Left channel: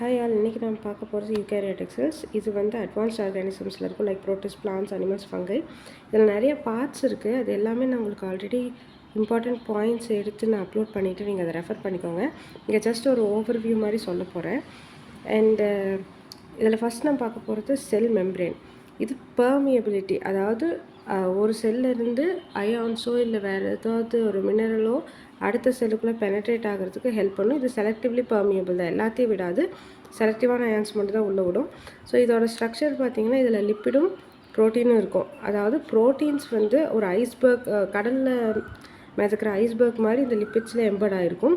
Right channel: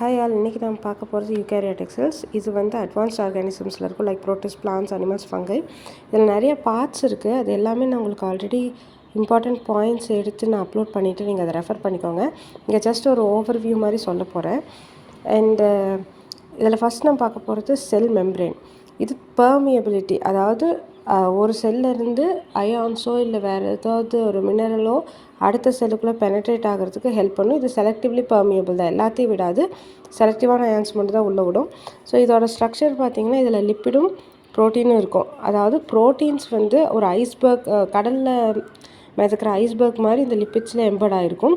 Hi all, இன்றைக்கி நம்ம பார்க்க போகிறது யூகேரியாட்டிக் செல்ஸ். இது வந்து அட்வான்ஸ்ட் ஆர்கானிசம்ஸில் இருக்கும், லைக் ப்ரோட்டிஸ்ட், பிளான்ஸ், அனிமல்ஸ், ஃபங்கை. இதில் நிறைய பார்ட்ஸ் இருக்குது. அது எல்லாமே நான் உங்களுக்கு ஆல்ரெடி இம்பார்ட்டண்ட் பாயிண்ட்ஸ் எடுத்து நான் அப்லோட் பண்ணிவிட்டு நீங்கள் அதை ரெஃபர் பண்ணிக்கோங்க. இங்கே ஜஸ்ட் ஒரு ஓவர்வியூ மாதிரி சொல்ல போகிறேன். அண்டு இதில் ஃபஸ்ட் நான் பார்க்க போகிறது செல் மெம்ப்ரேன். இது பெர்மியபிலிட்டி, அதாவது ஒரு செல்லிருந்து அயான்ஸோ இல்லை வேறு ஏதாவது ஒரு மினரலோ அடுத்த செல்லுக்குள்ளே பெனட்ரேட் ஆகிறதுக்கு ஹெல்ப் பண்ணும். இது செலக்டிவ்லி பெர்மியபிள் தான், எல்லாத்தையும் விடாது. செலக்டிவான அயான்ஸ் மட்டும் தான் உள்ளே விடும். ஸோ இதோட ஸ்ட்ரக்சர் பார்த்திங்கன்னா இதில் லிப்பிடும் ப்ரோட்டீனும் இருக்கும். அதாவது ப்ரோட்டீன்ஸ் வந்து ஒரு ஐஸ்பர்க், கடலில் மிதக்கிற ஐஸ்பர்க் மாதிரி இந்த லிப்பிட்ஸில் எம்பர்ட் ஆகிருக்கும்.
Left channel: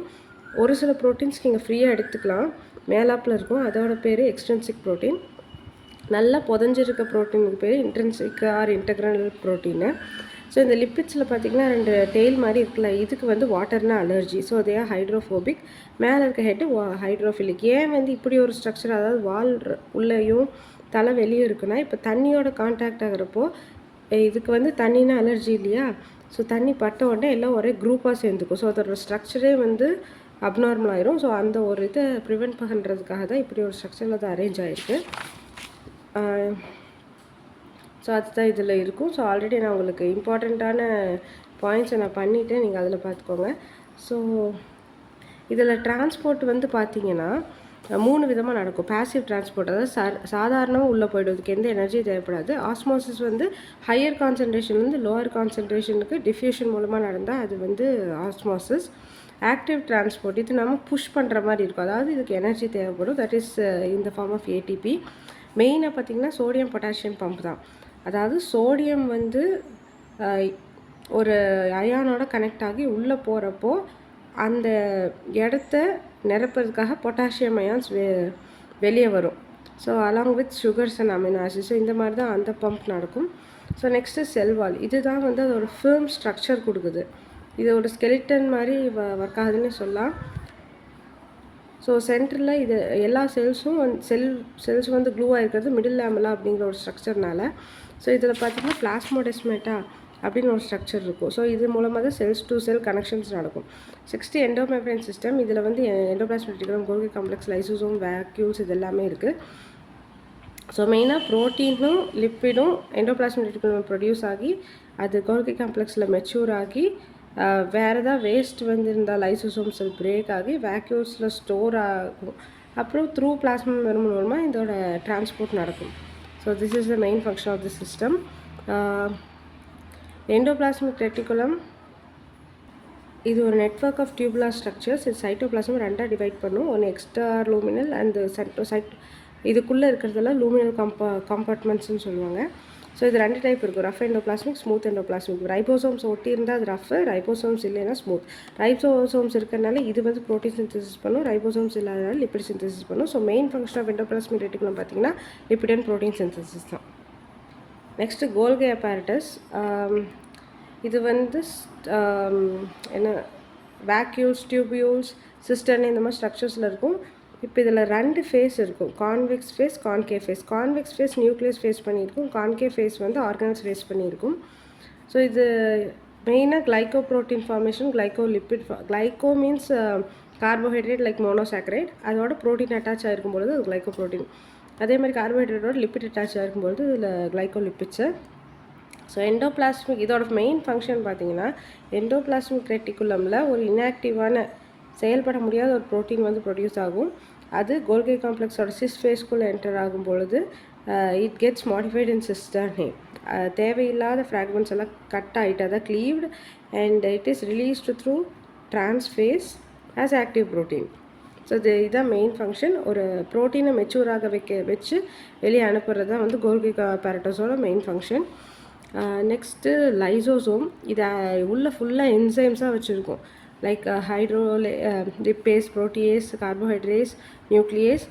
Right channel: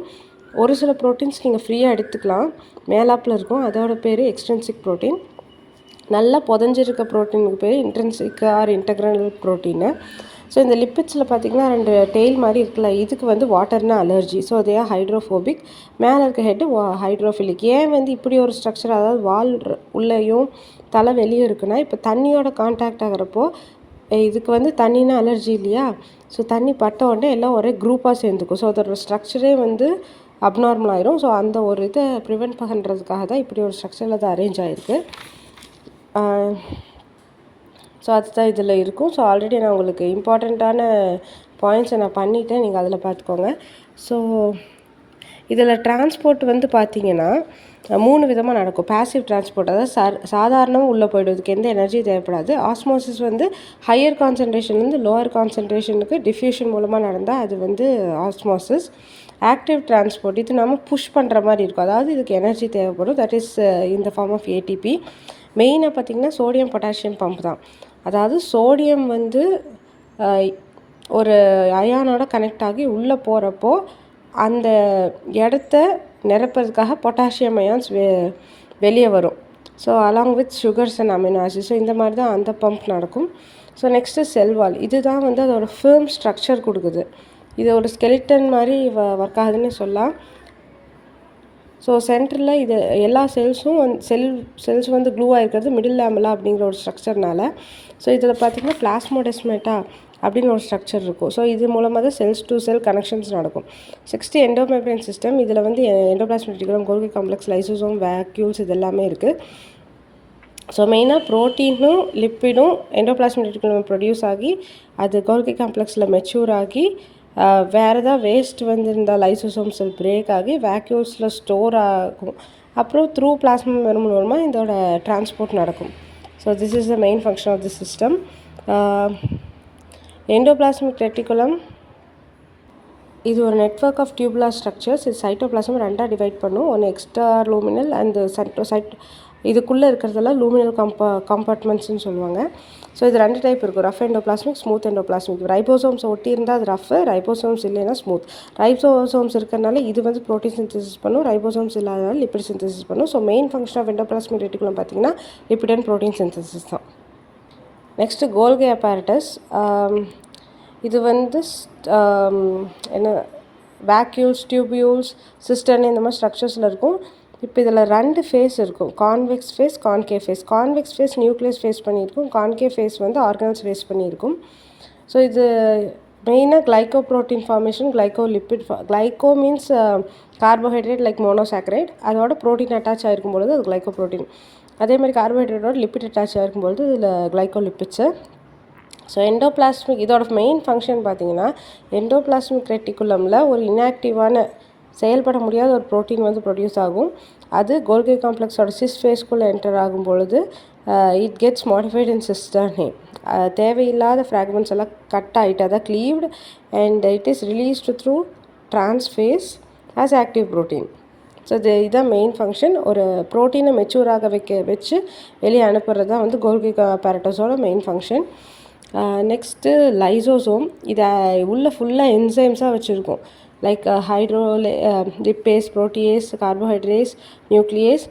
ஒரு சில ப்ரோட்டீன்ஸ் நீங்கள் ஃப்ரீயாக எடுத்துக்கலாம், மேலாப்பில் இருக்கும். அதோட பேர் எக்ஸ்ட்ரின்சிக் ப்ரோட்டீன். நல்லா புதஞ்சிருக்க ப்ரோட்டீனுக்கு பேர் இன்ட்ரின்சிக் ஆர் இன்டெக்ரல் ப்ரோட்டீனு. ஸோ இந்த லிப்பிட்ஸில் பார்த்திங்கன்னா 2 டெய்ல் மாதிரி இருக்குல்ல, இதுக்கு வந்து வாட்டர்னா அலர்ஜி. ஸோ அதே ஹைட்ரோஃபோபிக். மேலே இருக்க ஹெட்டு ஹைட்ரோஃபிலிக். ஏன் வந்து இப்படி ஒரு ஸ்ட்ரக்சர், அதாவது வால் உள்ளேயும் தலை வெளியே இருக்குன்னா, இப்போ தண்ணியோட கான்டாக்ட் ஆகிறப்போ இதுக்கு வந்து தண்ணினா அலர்ஜி இல்லையா? ஸோ தண்ணி பட்ட உடனே எல்லாம் ஒரே குரூப்பாக சேர்ந்துக்கும். ஸோ அதோட ஸ்ட்ரக்சரே வந்து அப்நார்மல் ஆயிரும். ஸோ அந்த ஒரு இதை ப்ரிவெண்ட் பண்ணுறதுக்காக தான் இப்படி ஒரு ஸ்ட்ரக்சரில் அது அரேஞ்ச் ஆகிருக்கு. ஸோ அதுதான் இதில் இருக்கும். ஸோ ஆல்ரெடி நான் உங்களுக்கு இம்பார்ட்டண்ட்டான பாயிண்ட்ஸை நான் பண்ணிவிட்டேன், நீங்கள் அதில் பார்த்துக்கோங்க. ஸோ இதில் டிரான்ஸ்போர்ட் வந்து பார்த்திங்கன்னா 3 விதமாக நடக்கும். பாசிவ் டிரான்ஸ்போர்ட், அதாவது சாதாரணமாக உள்ளே போய்டும், இதுக்கு எந்த எனர்ஜியும் தேவைப்படாது. ஆஸ்மோசிஸ் வந்து ஹையர் கான்சன்ட்ரேஷன்லேருந்து லோவர் கான்சன்ட்ரேஷனுக்கு டிஃப்யூஷன் மூலமாக நடந்தால் அது வந்து ஆஸ்மோசிஸ். ஆக்டிவ் டிரான்ஸ்போர்ட், இது நம்ம புஷ் பண்ணுற மாதிரி இருக்கும், அதாவது இதுக்கு எனர்ஜி தேவைப்படும். That is in the form of ATP. மெயினாக பார்த்திங்கன்னா சோடியம் பொட்டாசியம் பம்ப் தான். அதாவது சோடியம் வந்து ஒரு அயானோட கனெக்ட் ஆகி உள்ளே போகிறப்போ அந்த இடத்த நிரப்புறதுக்காக பொட்டாசியம் அயான்ஸ் வெளியே வரும். So along with sugars and amino acid. So இந்த மாதிரி தான் அந்த பம்ப் நடக்கும். ஸோ நெக்ஸ்ட்டு செல்வால், இது தான் வந்து அதோட ஃபேர்ம் ஸ்ட்ரக்சர் கொடுக்குது. இது ஒரு ஸ்கெலிட்டன் மாதிரி ஒர்க் ஆகுதுன்னு சொல்லலாம். ஸோ சென்டரில் இது எல்லா செல்ஸும் செல்ஸ் வந்து க்ளூவாக இருக்கிறது மிடில் லேமெல்லா அப்படிங்கிற ஒரு ஸ்ட்ரக்சர்னால. ஸோ இதில் பார்த்திங்கன்னா பிளாஸ்மோடெஸ்மேட்டா அப்படின்னு ஒரு ஸ்ட்ரக்சர் இருக்கும். ஸோ இது மூலமாக தான் செல்ஸ் டு செல் கனெக்ஷன்ஸ் நடக்கும். 60 எண்டோமெம்ப்ரேன் சிஸ்டம். இதில் வந்து endoplasmic reticulum, கோல்கி complex, lysosome, vacuoles இது எல்லாமே இருக்குது. ஸோ மெயினாக ப்ரோட்டீனும் லிப்பிடும் எண்டோபிளாஸ்மிக் ரெட்டிகுலம் ப்ரொடியூஸ் ஆகி அது கோல்கி காம்ப்ளெக்ஸில் மெச்சூர் ஆகி வேறு ஏதாவது வேஸ்ட் வந்துருந்தால் லைசோசோம்ஸில் பிரேக் ஆகி வேக்யூல்ஸில் ஸ்டோர் ஆகும். அப்புறம் த்ரூ பிளாஸ்மா மூலமாக இதோட டிரான்ஸ்போர்ட் நடக்கும். So this is the main function of the system. Endoplasmic reticulum இது ஒரு நெட்வொர்க் ஆஃப் டியூபுலர் ஸ்ட்ரக்சர்ஸ். இது சைட்டோபிளாசம் 2ஆக டிவைட் பண்ணும். ஒன்று எக்ஸ்ட்ரா லூமினல் அண்ட் இதுக்குள்ளே இருக்கிறதெல்லாம் லூமினல் கம்பார்ட்மெண்ட்ஸ்னு சொல்லுவாங்க. ஸோ இது 2 டைப் இருக்கும், rough endoplasmic, smooth endoplasmic. Ribosomes ஒட்டி இருந்தால் அது ரஃப், ரைபோசோம்ஸ் இல்லைன்னா ஸ்மூத். ரைபோசோம்ஸ் இருக்கிறனால இது வந்து ப்ரோட்டீன் சிந்தசிஸ் பண்ணும், ரைபோசோம்ஸ் இல்லாதனால லிப்பிட் சிந்தசிஸ் பண்ணும். So main function of endoplasmic reticulum பார்த்திங்கன்னா லிப்பிட் அண்ட் ப்ரோட்டீன் சிந்தசிஸ் தான். Next Golgi apparatus. இது வந்து என்ன வேக்யூல்ஸ், டியூபியூல்ஸ், சிஸ்டர்ன் இந்த மாதிரி ஸ்ட்ரக்சர்ஸில் இருக்கும். இப்போ இதில் 2 ஃபேஸ் இருக்கும், convex face, concave face. Convex face nucleus face பண்ணியிருக்கும், கான்கேவ் ஃபேஸ் வந்து ஆர்கனல்ஸ் ஃபேஸ் பண்ணியிருக்கும். ஸோ இது மெயினாக glyco protein formation, glyco lipid. Glyco means carbohydrate like monosaccharide. அதோட ப்ரோட்டீன் அட்டாச் ஆகிருக்கும் பொழுது அது கிளைக்கோ ப்ரோட்டீன். அதே மாதிரி கார்போஹைட்ரேட்டோட லிப்பிட் அட்டாச் ஆகிருக்கும் பொழுது இதில் கிளைக்கோ லிப்பிட்ஸு. ஸோ எண்டோபிளாஸ்மிக் இதோட மெயின் ஃபங்க்ஷன் பார்த்திங்கன்னா எண்டோபிளாஸ்மிக் ரெட்டிகுலமில் ஒரு இன்ஆக்டிவான செயல்பட முடியாத ஒரு ப்ரோட்டீன் வந்து ப்ரொடியூஸ் ஆகும். அது கோல்கி காம்ப்ளெக்ஸோட சிஸ் ஃபேஸ்க்குள்ளே என்டர் ஆகும் பொழுது it gets modified in cisternae. தேவையில்லாத ஃப்ராக்மெண்ட்ஸ் எல்லாம் கட் ஆகிட்டு அதை cleaved and it is released through trans face as active protein. So இதுதான் மெயின் ஃபங்க்ஷன். ஒரு ப்ரோட்டீனை மெச்சூராக வச்சு வெளியே அனுப்புறது தான் வந்து கோல்கி apparatusஓட மெயின் ஃபங்க்ஷன். Next lysosome. இதை உள்ளே ஃபுல்லாக என்சைம்ஸாக வச்சுருக்கோம், like lipase, protease, carbohydrates, nuclease,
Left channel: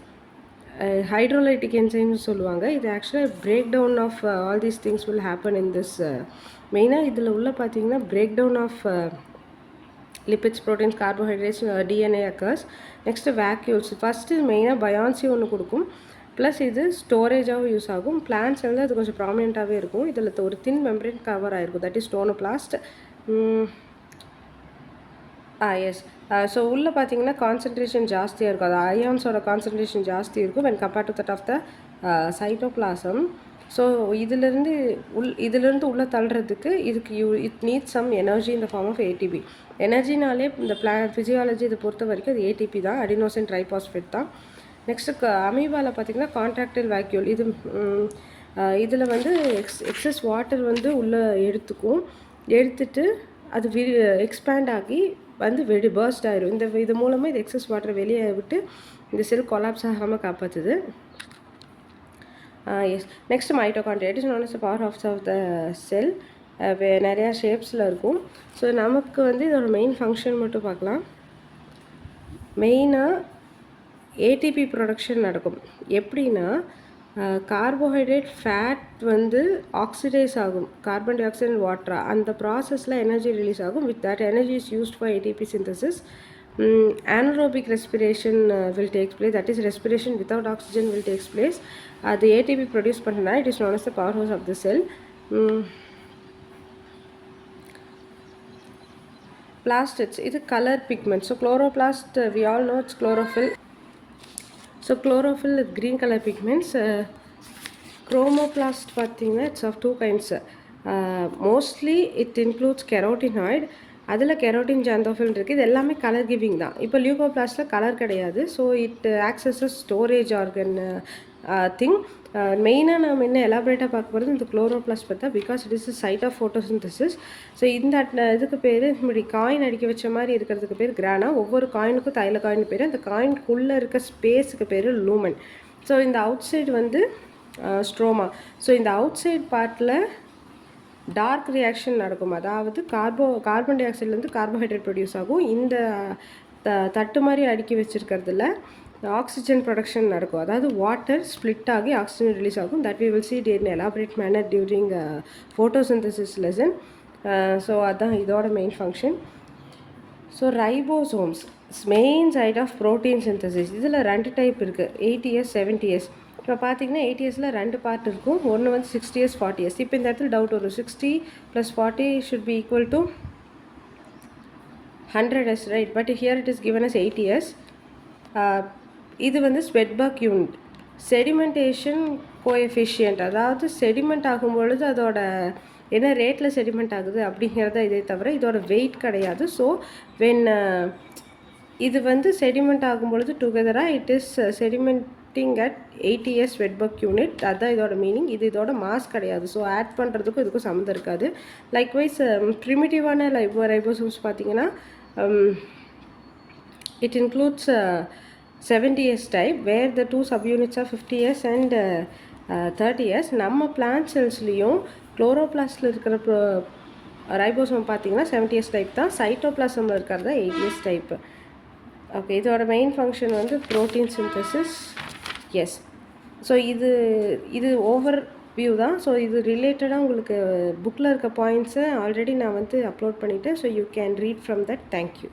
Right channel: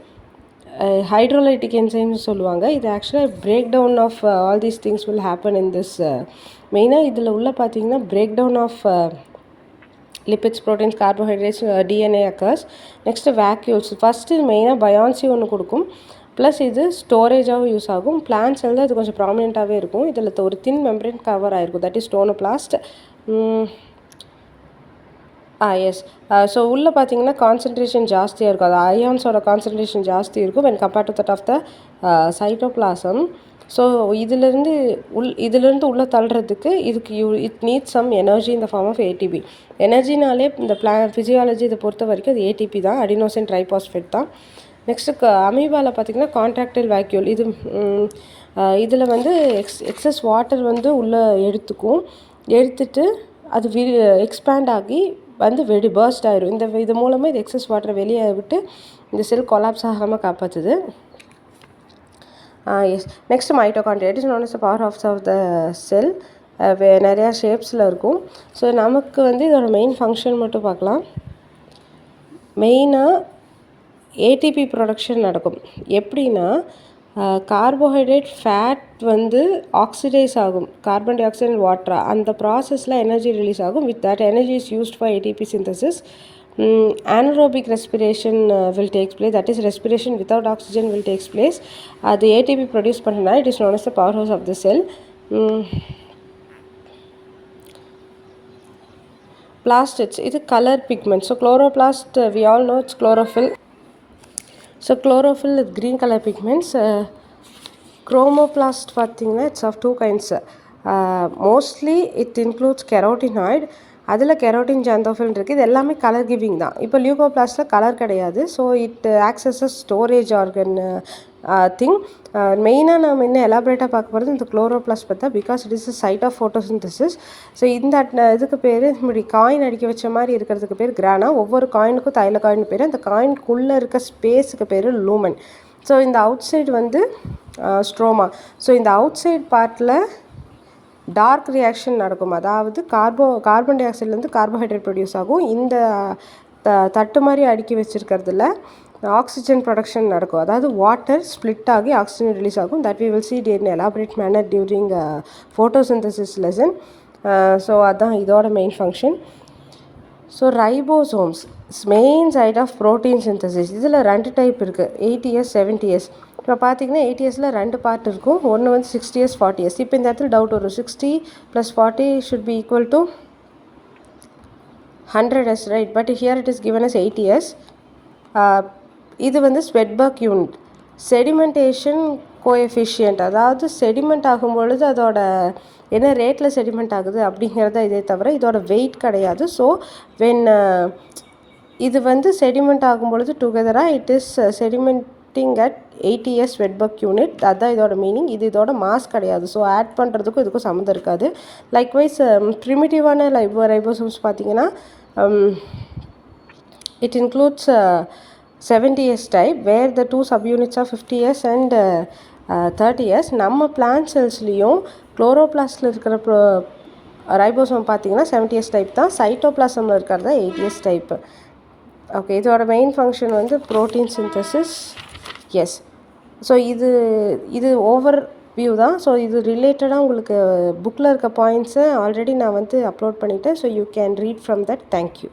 hydrolytic enzymes சொல்லுவாங்க. இது ஆக்சுவலாக break down of all these things will happen in this. மெயினாக இதில் உள்ள பார்த்திங்கன்னா break down of lipids, proteins, carbohydrates, DNA occurs. Next vacuoles. First மெயினாக பயான்சி ஒன்று கொடுக்கும், ப்ளஸ் இது ஸ்டோரேஜாகவும் யூஸ் ஆகும். பிளான்ஸ் வந்து அது கொஞ்சம் ப்ராமினெண்ட்டாகவே இருக்கும். இதில் ஒரு தின் மெம்பரேன் கவர் ஆகிருக்கும், தட் இஸ் ஸ்டோனோபிளாஸ்ட். எஸ். ஸோ உள்ளே பார்த்தீங்கன்னா கான்சன்ட்ரேஷன் ஜாஸ்தியாக இருக்கும். அது அயான்ஸோட கான்சன்ட்ரேஷன் ஜாஸ்தி இருக்கும் when compared to that of the cytoplasm. So இதிலிருந்து உள்ளே தள்ளுறதுக்கு இதுக்கு it needs some energy in the form of ATP. எனர்ஜினாலே இந்த ஃபிசியாலஜி இதை பொறுத்த வரைக்கும் அது ஏடிபி தான், அடினோசின் ட்ரைபாஸ்பேட் தான். நெக்ஸ்ட்டு அமீபாவில் பார்த்திங்கன்னா கான்ட்ராக்டைல் வேக்யூல். இதில் வந்து எக்ஸஸ் வாட்டர் வந்து உள்ளே எடுத்துட்டு அது எக்ஸ்பேண்ட் ஆகி வந்து பர்ஸ்ட் ஆயிரும். இது மூலமாக இது எக்ஸஸ் வாட்டரை வெளியே விட்டு இந்த செல் கொலாப்ஸ் ஆகாமல் காப்பாற்றுது. Yes. Next mitochondria. It is known as the power of the cell. நிறையா ஷேப்ஸில் இருக்கும். ஸோ நமக்கு வந்து இதோட மெயின் ஃபங்க்ஷன் மட்டும் பார்க்கலாம். மெயினாக ஏடிபி ப்ரொடக்ஷன் நடக்கும். எப்படின்னா கார்போஹைட்ரேட் ஃபேட் வந்து ஆக்சிடைஸ் ஆகும், கார்பன் டை ஆக்சைடு அண்ட் வாட்டரா. அந்த ப்ராசஸில் எனர்ஜி ரிலீஸ் ஆகும். With that energy is used for ATP synthesis. anaerobic respiration will take place, that is respiration without oxygen will takes place. அது ATP produce பண்ணுறதுனால it is known as the powerhouse of the cell. Plastids, இது colour pigment. So chloroplast, we all know it's chlorophyll. So chlorophyll with green color pigments. Chromoplast பார்த்தீங்கன்னா it's of two kinds. Mostly it includes carotenoid. அதில் carotene ஜாந்தோஃபில் இருக்குது. இது எல்லாமே colour giving தான். இப்போ லியூகோபிளாஸ்டில் colour கிடையாது. So it acts as storage organ thing. மெயினாக நம்ம இன்னும் எலாபரேட்டாக பார்க்க போகிறது இந்த குளோரோபிளாஸ்ட் பார்த்தா, because it is the site of photosynthesis. So இந்த இதுக்கு பேர் இப்படி காயின் அடிக்க வச்ச மாதிரி இருக்கிறதுக்கு பேர் கிரானா. ஒவ்வொரு காயினுக்கும் தைல காயின் பேர். அந்த காயினுக்குள்ளே இருக்க ஸ்பேஸுக்கு பேர் லூமன். ஸோ இந்த அவுட் சைடு வந்து ஸ்ட்ரோமா. ஸோ இந்த அவுட் சைடு பார்ட்டில் டார்க் ரியாக்ஷன் நடக்கும். அதாவது கார்பன் டை ஆக்சைட்லேருந்து கார்போஹைட்ரேட் ப்ரொடியூஸ் ஆகும். இந்த தட்டு மாதிரி அடுக்கி வச்சுருக்கிறதுல ஆக்சிஜன் ப்ரொடக்ஷன் நடக்கும். அதாவது வாட்டர் ஸ்ப்ளிட் ஆகி ஆக்சிஜன் ரிலீஸ் ஆகும். That we will see in elaborate manner during photosynthesis lesson. So அதுதான் இதோட main function. So ribosomes main site of protein synthesis. இதில் 2 டைப் இருக்குது, 80S 70S. இப்போ பார்த்தீங்கன்னா 80Sல 2 பார்ட் இருக்கும். ஒன்று வந்து 60S 40S. இப்போ இந்த இடத்துல டவுட் வரும், 60 + 40 should be equal to 100S, right? But here it is given as 80S. இது வந்து ஸ்வெட்பர்க் யூனிட். செடிமெண்டேஷன் கோஎஃபிஷியன்ட், அதாவது செடிமெண்ட் ஆகும்பொழுது அதோட என்ன ரேட்டில் செடிமெண்ட் ஆகுது அப்படிங்கிறத இதே தவிர இதோட வெயிட் கிடையாது. ஸோ வென் இது வந்து செடிமெண்ட் ஆகும்பொழுது டுகெதராக it is sedimenting at 80S Svedberg unit. அதுதான் இதோட மீனிங். இது இதோட மாஸ் கிடையாது. ஸோ ஆட் பண்ணுறதுக்கும் இதுக்கும் சம்மந்தம் இருக்காது. லைக்வைஸ் ப்ரிமிட்டிவான ரைபோசோம்ஸ் பார்த்தீங்கன்னா it includes 70S type where the 2 subunits are 50S and 30S. நம்ம பிளான்ட் செல்ஸ்லேயும் குளோரோபிளாஸ்டில் இருக்கிற ரைபோசோம் பார்த்தீங்கன்னா 70S டைப் தான். சைட்டோபிளாசமில் இருக்கிறதா 80S டைப்பு. ஓகே, இதோட மெயின் ஃபங்க்ஷன் வந்து ப்ரோட்டீன் சிந்தசிஸ். எஸ். ஸோ இது ஓவர் வியூ தான். ஸோ இது ரிலேட்டடாக உங்களுக்கு புக்கில் இருக்க பாயிண்ட்ஸை ஆல்ரெடி நான் வந்து அப்லோட் பண்ணிவிட்டேன். So you can read from that. Thank you.